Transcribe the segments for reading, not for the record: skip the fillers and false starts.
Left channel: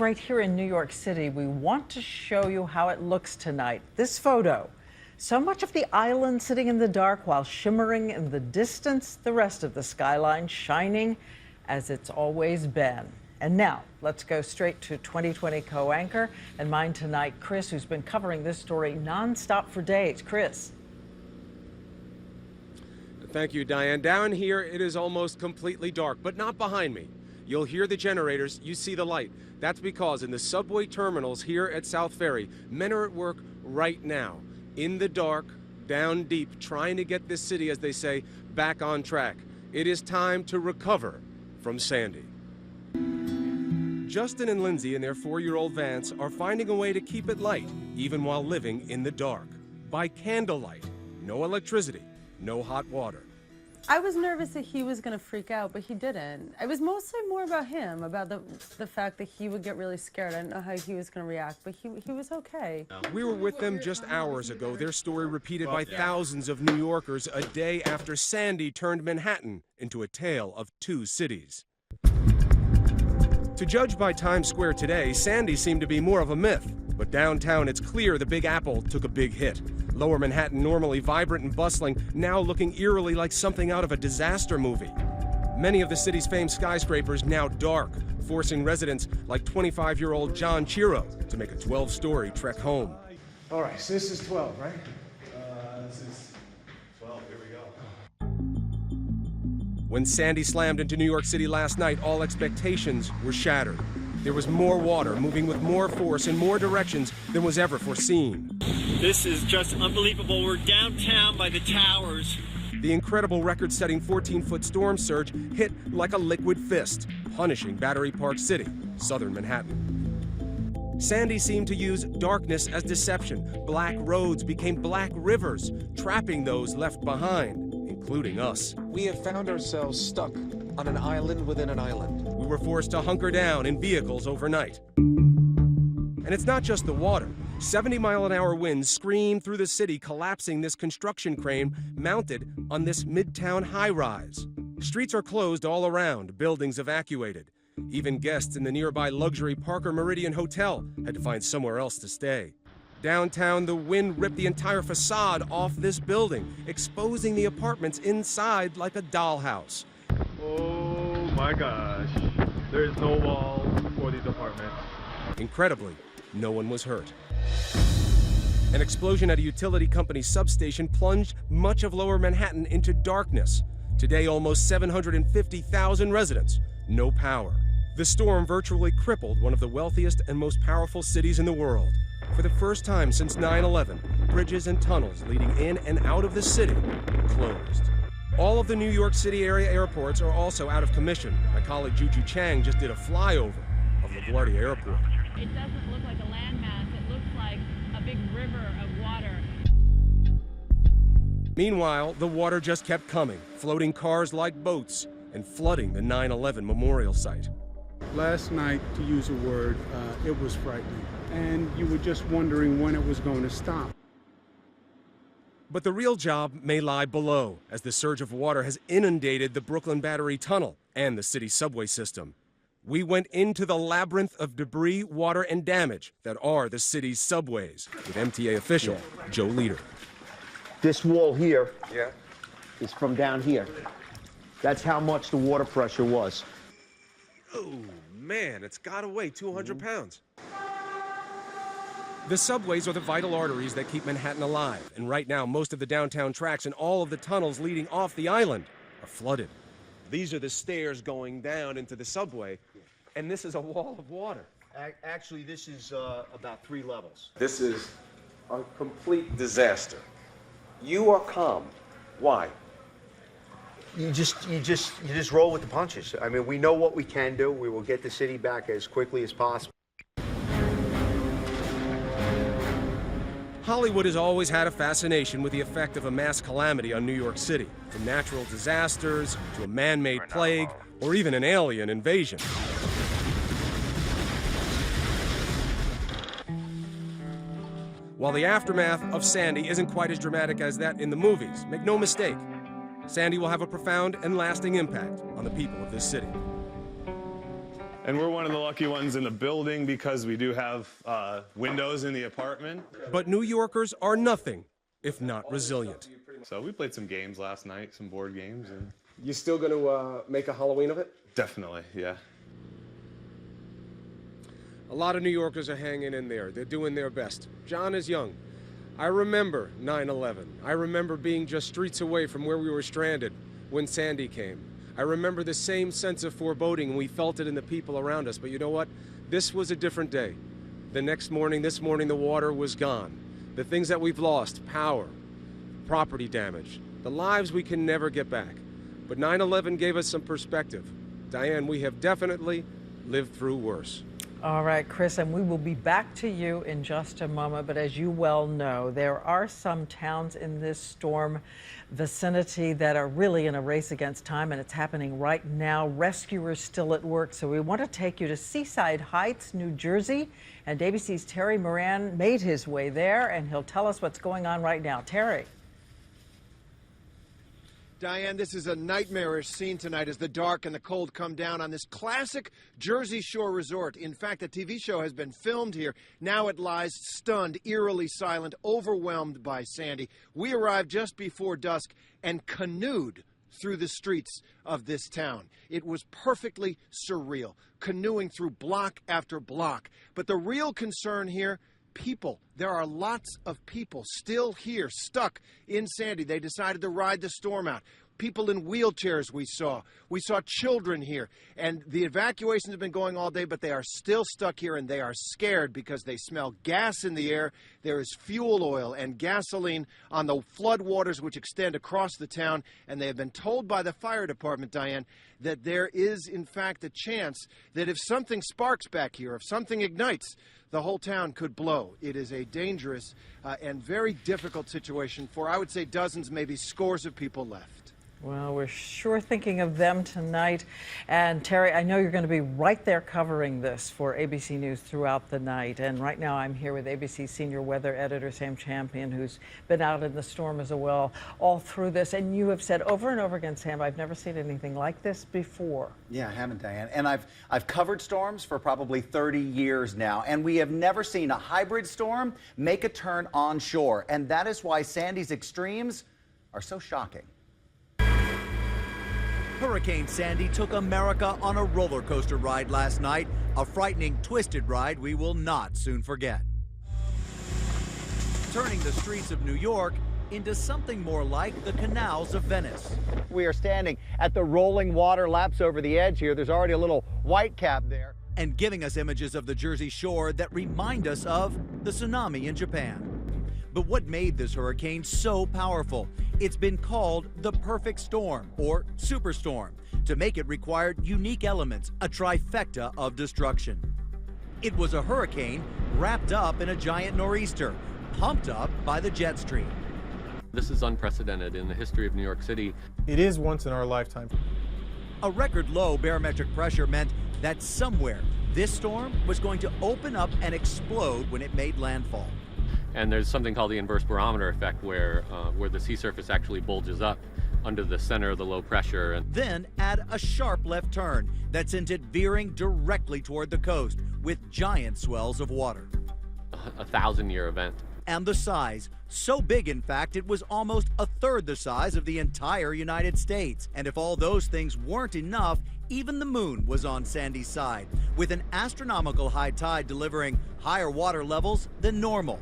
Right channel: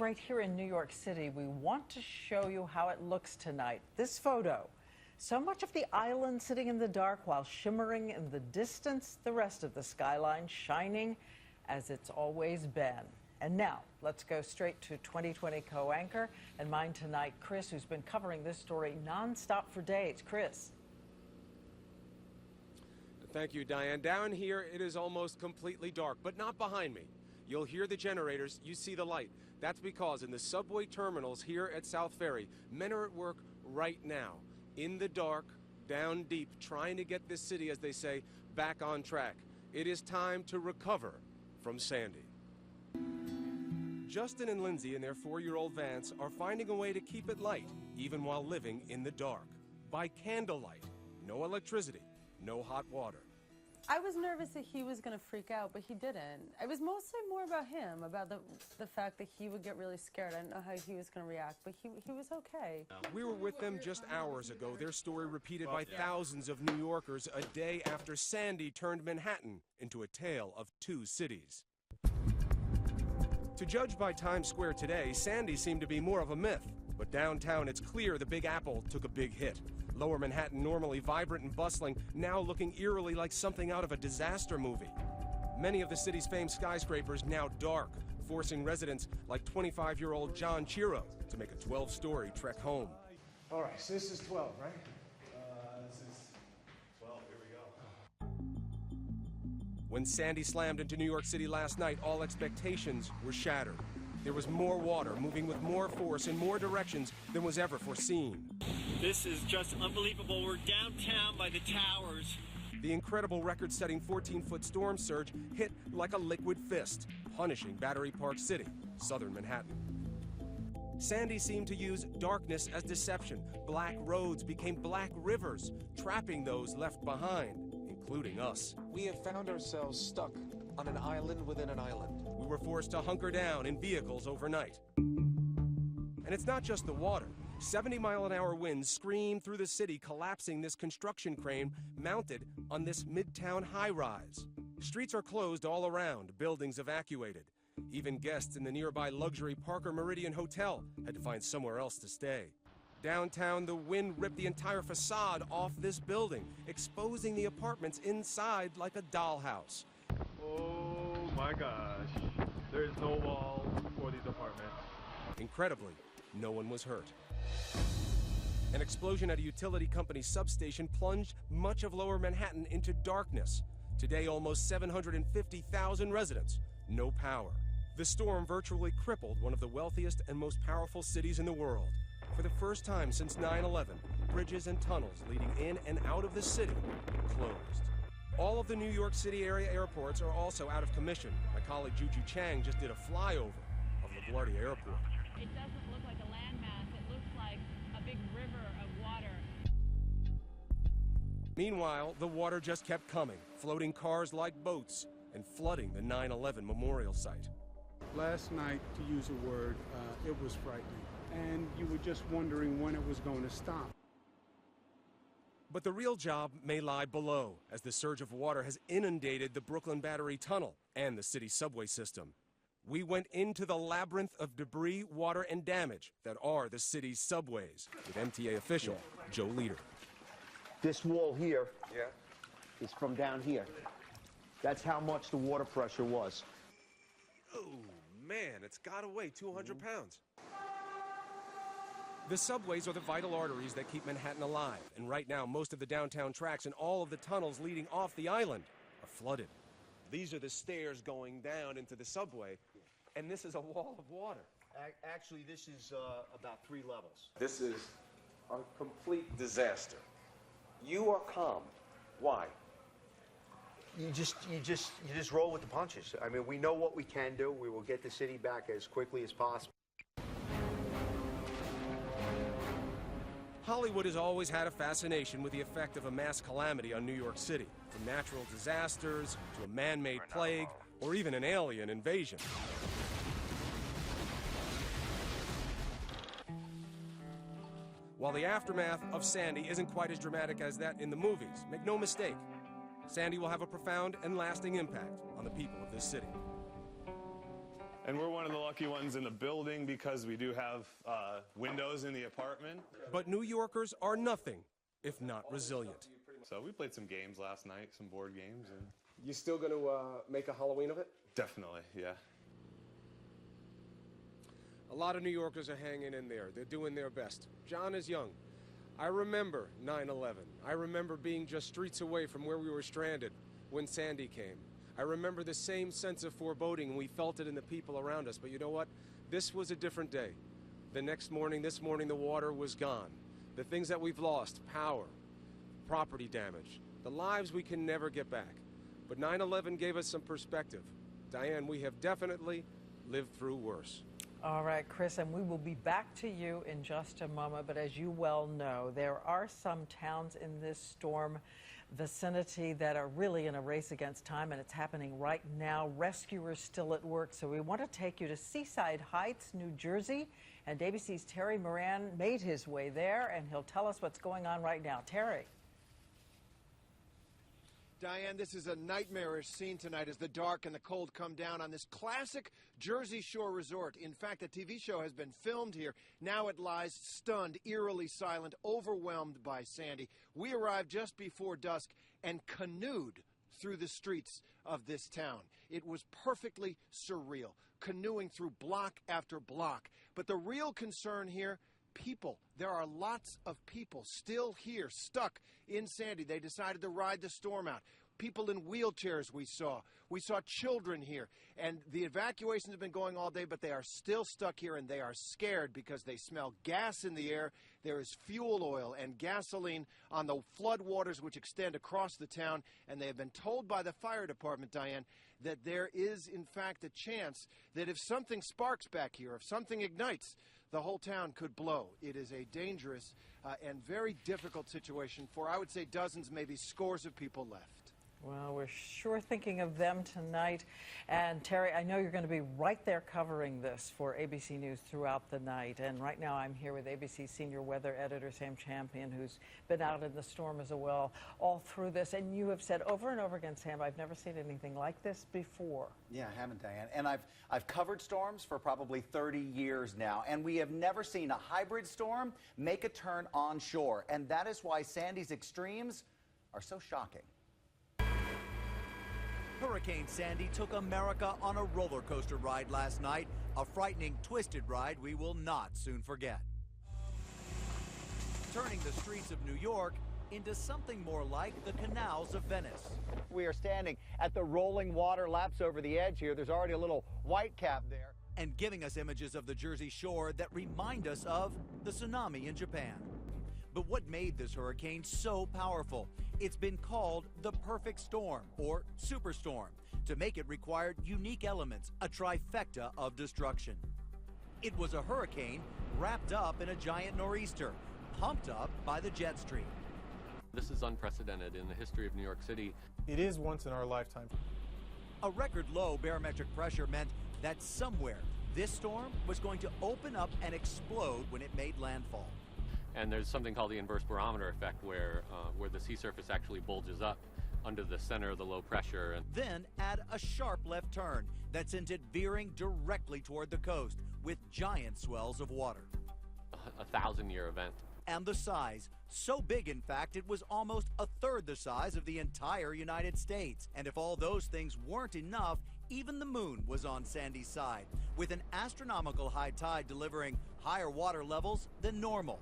Right here in New York City, we want to show you how it looks tonight. This photo. So much of the island sitting in the dark while shimmering in the distance, the rest of the skyline shining as it's always been. And now, let's go straight to 2020 co-anchor and mine tonight, Chris, who's been covering this story nonstop for days. Chris. Thank you, Diane. Down here, it is almost completely dark, but not behind me. You'll hear the generators, you see the light. That's because in the subway terminals here at South Ferry, men are at work right now, in the dark, down deep, trying to get this city, as they say, back on track. It is time to recover from Sandy. Justin and Lindsay and their 4-year-old Vance are finding a way to keep it light, even while living in the dark. By candlelight, no electricity, no hot water. I was nervous that he was going to freak out, but he didn't. It was mostly more about him, about the fact that he would get really scared. I didn't know how he was going to react, but he was okay. We were with them just hours ago, their story repeated by thousands of New Yorkers a day after Sandy turned Manhattan into a tale of two cities. To judge by Times Square today, Sandy seemed to be more of a myth. But downtown, it's clear the Big Apple took a big hit. Lower Manhattan, normally vibrant and bustling, now looking eerily like something out of a disaster movie. Many of the city's famed skyscrapers now dark, forcing residents like 25-year-old John Chiro to make a 12-story trek home. All right, so this is 12, right? This is 12, here we go. When Sandy slammed into New York City last night, all expectations were shattered. There was more water moving with more force in more directions than was ever foreseen. This is just unbelievable. We're downtown by the towers. The incredible record-setting 14-foot storm surge hit like a liquid fist, punishing Battery Park City, southern Manhattan. Sandy seemed to use darkness as deception. Black roads became black rivers, trapping those left behind, including us. We have found ourselves stuck on an island within an island. We were forced to hunker down in vehicles overnight. And it's not just the water. 70-mile-an-hour winds screamed through the city, collapsing this construction crane mounted on this midtown high-rise. Streets are closed all around, buildings evacuated. Even guests in the nearby luxury Parker Meridian Hotel had to find somewhere else to stay. Downtown, the wind ripped the entire facade off this building, exposing the apartments inside like a dollhouse. Oh my gosh, there's no walls for these apartments. Incredibly, no one was hurt. An explosion at a utility company substation plunged much of lower Manhattan into darkness. Today, almost 750,000 residents, no power. The storm virtually crippled one of the wealthiest and most powerful cities in the world. For the first time since 9/11, bridges and tunnels leading in and out of the city closed. All of the New York City area airports are also out of commission. My colleague Juju Chang just did a flyover of LaGuardia Airport. It doesn't look like a landmass, it looks like a big river of water. Meanwhile, the water just kept coming, floating cars like boats and flooding the 9/11 memorial site. Last night, to use a word, it was frightening. And you were just wondering when it was going to stop. But the real job may lie below, as the surge of water has inundated the Brooklyn Battery Tunnel and the city subway system. We went into the labyrinth of debris, water, and damage that are the city's subways, with MTA official Joe Leader. This wall here is from down here. That's how much the water pressure was. Oh, man, it's got to weigh 200 pounds. The subways are the vital arteries that keep Manhattan alive, and right now most of the downtown tracks and all of the tunnels leading off the island are flooded. These are the stairs going down into the subway, and this is a wall of water. Actually, this is about 3 levels. This is a complete disaster. You are calm. Why? You just roll with the punches. I mean, we know what we can do. We will get the city back as quickly as possible. Hollywood has always had a fascination with the effect of a mass calamity on New York City, from natural disasters to a man-made plague, or even an alien invasion. While the aftermath of Sandy isn't quite as dramatic as that in the movies, make no mistake, Sandy will have a profound and lasting impact on the people of this city. And we're one of the lucky ones in the building because we do have windows in the apartment. But New Yorkers are nothing if not resilient. So we played some games last night, some board games. And You still going to make a Halloween of it? definitely, yeah. A lot of New Yorkers are hanging in there. They're doing their best. John is young. I remember 9/11. I remember being just streets away from where we were stranded when Sandy came. I remember the same sense of foreboding. We felt it in the people around us. But you know what? This was a different day. The next morning, this morning, the water was gone. The things that we've lost, power, property damage, the lives we can never get back. But 9/11 gave us some perspective. Diane, we have definitely lived through worse. All right, Chris, and we will be back to you in just a moment. But as you well know, there are some towns in this storm vicinity that are really in a race against time, and it's happening right now. Rescuers still at work. So we want to take you to Seaside Heights, New Jersey. And ABC's Terry Moran made his way there, and he'll tell us what's going on right now. Terry. Diane, this is a nightmarish scene tonight as the dark and the cold come down on this classic Jersey Shore resort. In fact, a TV show has been filmed here. Now it lies stunned, eerily silent, overwhelmed by Sandy. We arrived just before dusk and canoed through the streets of this town. It was perfectly surreal, canoeing through block after block. But the real concern here, people. There are lots of people still here, stuck in Sandy. They decided to ride the storm out. People in wheelchairs we saw. We saw children here. And the evacuations have been going all day, but they are still stuck here, and they are scared because they smell gas in the air. There is fuel oil and gasoline on the floodwaters which extend across the town, and they have been told by the fire department, Diane, that there is, in fact, a chance that if something sparks back here, if something ignites, the whole town could blow. It is a dangerous and very difficult situation for, I would say, dozens, maybe scores of people left. Well, we're sure thinking of them tonight. And Terry, I know you're going to be right there covering this for ABC News throughout the night. And right now I'm here with ABC senior weather editor Sam Champion, who's been out in the storm as well all through this. And you have said over and over again, Sam, I've never seen anything like this before. Yeah, I haven't, Diane. And I've covered storms for probably 30 years now, and we have never seen a hybrid storm make a turn onshore. And that is why Sandy's extremes are so shocking. Hurricane Sandy took America on a roller coaster ride last night, a frightening, twisted ride we will not soon forget. Turning the streets of New York into something more like the canals of Venice. We are standing at the rolling water laps over the edge here. There's already a little white cap there. And giving us images of the Jersey Shore that remind us of the tsunami in Japan. But what made this hurricane so powerful? It's been called the perfect storm, or superstorm. To make it required unique elements, a trifecta of destruction. It was a hurricane wrapped up in a giant nor'easter, pumped up by the jet stream. This is unprecedented in the history of New York City. It is once in our lifetime. A record low barometric pressure meant that somewhere this storm was going to open up and explode when it made landfall. And there's something called the inverse barometer effect where the sea surface actually bulges up under the center of the low pressure. And then add a sharp left turn that sent it veering directly toward the coast with giant swells of water. A 1,000-year event. And the size, so big in fact it was almost a third the size of the entire United States. And if all those things weren't enough, even the moon was on Sandy's side, with an astronomical high tide delivering higher water levels than normal.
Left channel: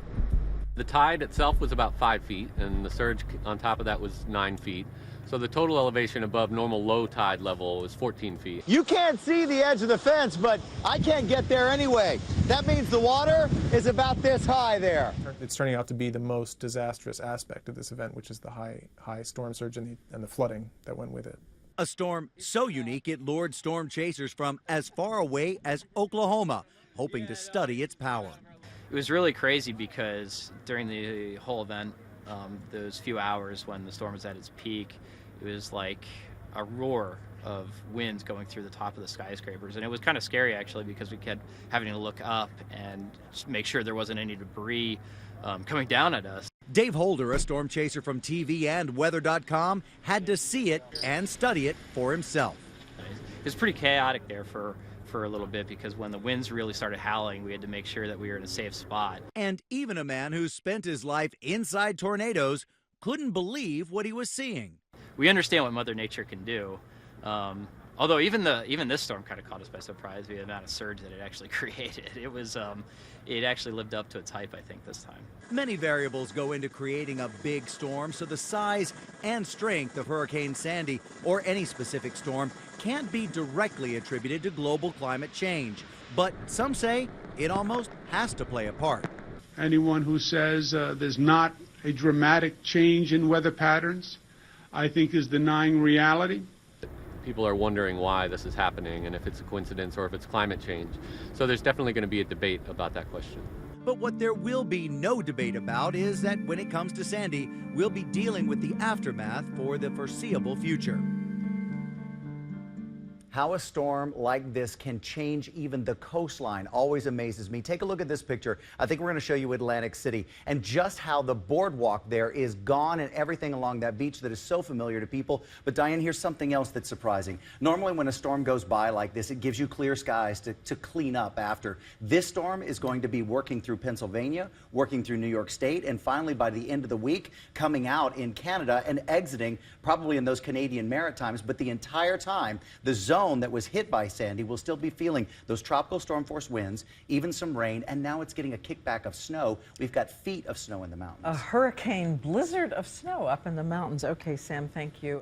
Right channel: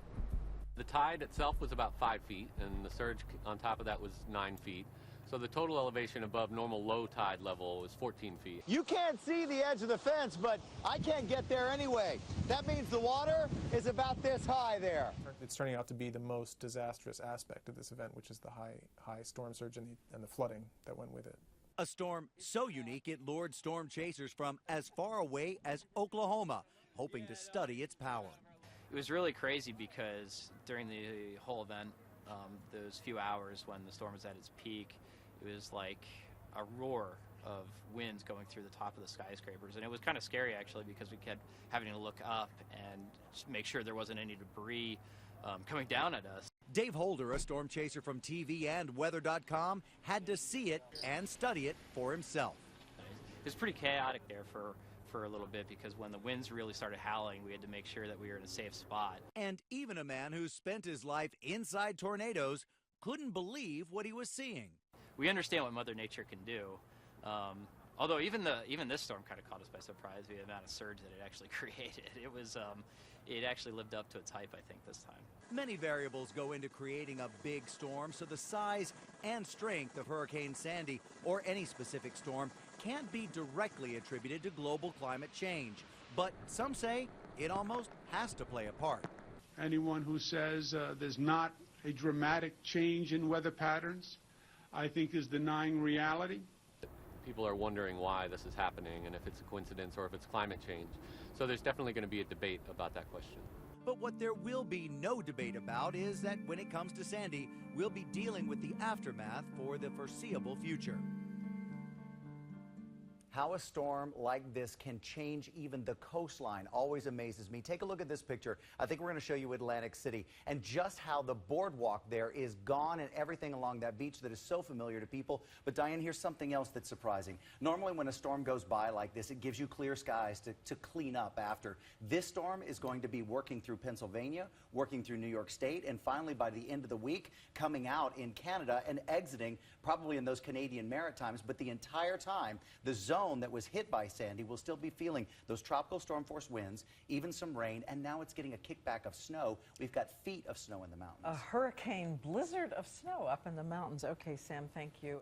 The tide itself was about 5 feet, and the surge on top of that was 9 feet. So the total elevation above normal low tide level is 14 feet. You can't see the edge of the fence, but I can't get there anyway. That means the water is about this high there. It's turning out to be the most disastrous aspect of this event, which is the high storm surge and the flooding that went with it. A storm so unique it lured storm chasers from as far away as Oklahoma, hoping to study its power. It was really crazy because during the whole event, those few hours when the storm was at its peak, it was like a roar of winds going through the top of the skyscrapers. And it was kind of scary, actually, because we kept having to look up and just make sure there wasn't any debris coming down at us. Dave Holder, a storm chaser from TV and weather.com, had to see it and study it for himself. It was pretty chaotic there for for a little bit because when the winds really started howling, we had to make sure that we were in a safe spot. And even a man who spent his life inside tornadoes couldn't believe what he was seeing. We understand what Mother Nature can do. Although even this storm kind of caught us by surprise, the amount of surge that it actually created. It actually lived up to its hype, I think, this time. Many variables go into creating a big storm, so the size and strength of Hurricane Sandy or any specific storm can't be directly attributed to global climate change. But some say it almost has to play a part. Anyone who says there's not a dramatic change in weather patterns, I think is denying reality. People are wondering why this is happening and if it's a coincidence or if it's climate change. So there's definitely going to be a debate about that question. But what there will be no debate about is that when it comes to Sandy, we'll be dealing with the aftermath for the foreseeable future. How a storm like this can change even the coastline always amazes me. Take a look at this picture. I think we're going to show you Atlantic City and just how the boardwalk there is gone and everything along that beach that is so familiar to people. But Diane, here's something else that's surprising. Normally when a storm goes by like this, it gives you clear skies to clean up after. This storm is going to be working through Pennsylvania, working through New York State, and finally by the end of the week, coming out in Canada and exiting probably in those Canadian Maritimes. But the entire time, the zone that was hit by Sandy will still be feeling those tropical storm force winds, even some rain, and now it's getting a kickback of snow. We've got feet of snow in the mountains. A hurricane blizzard of snow up in the mountains. Okay, Sam, thank you.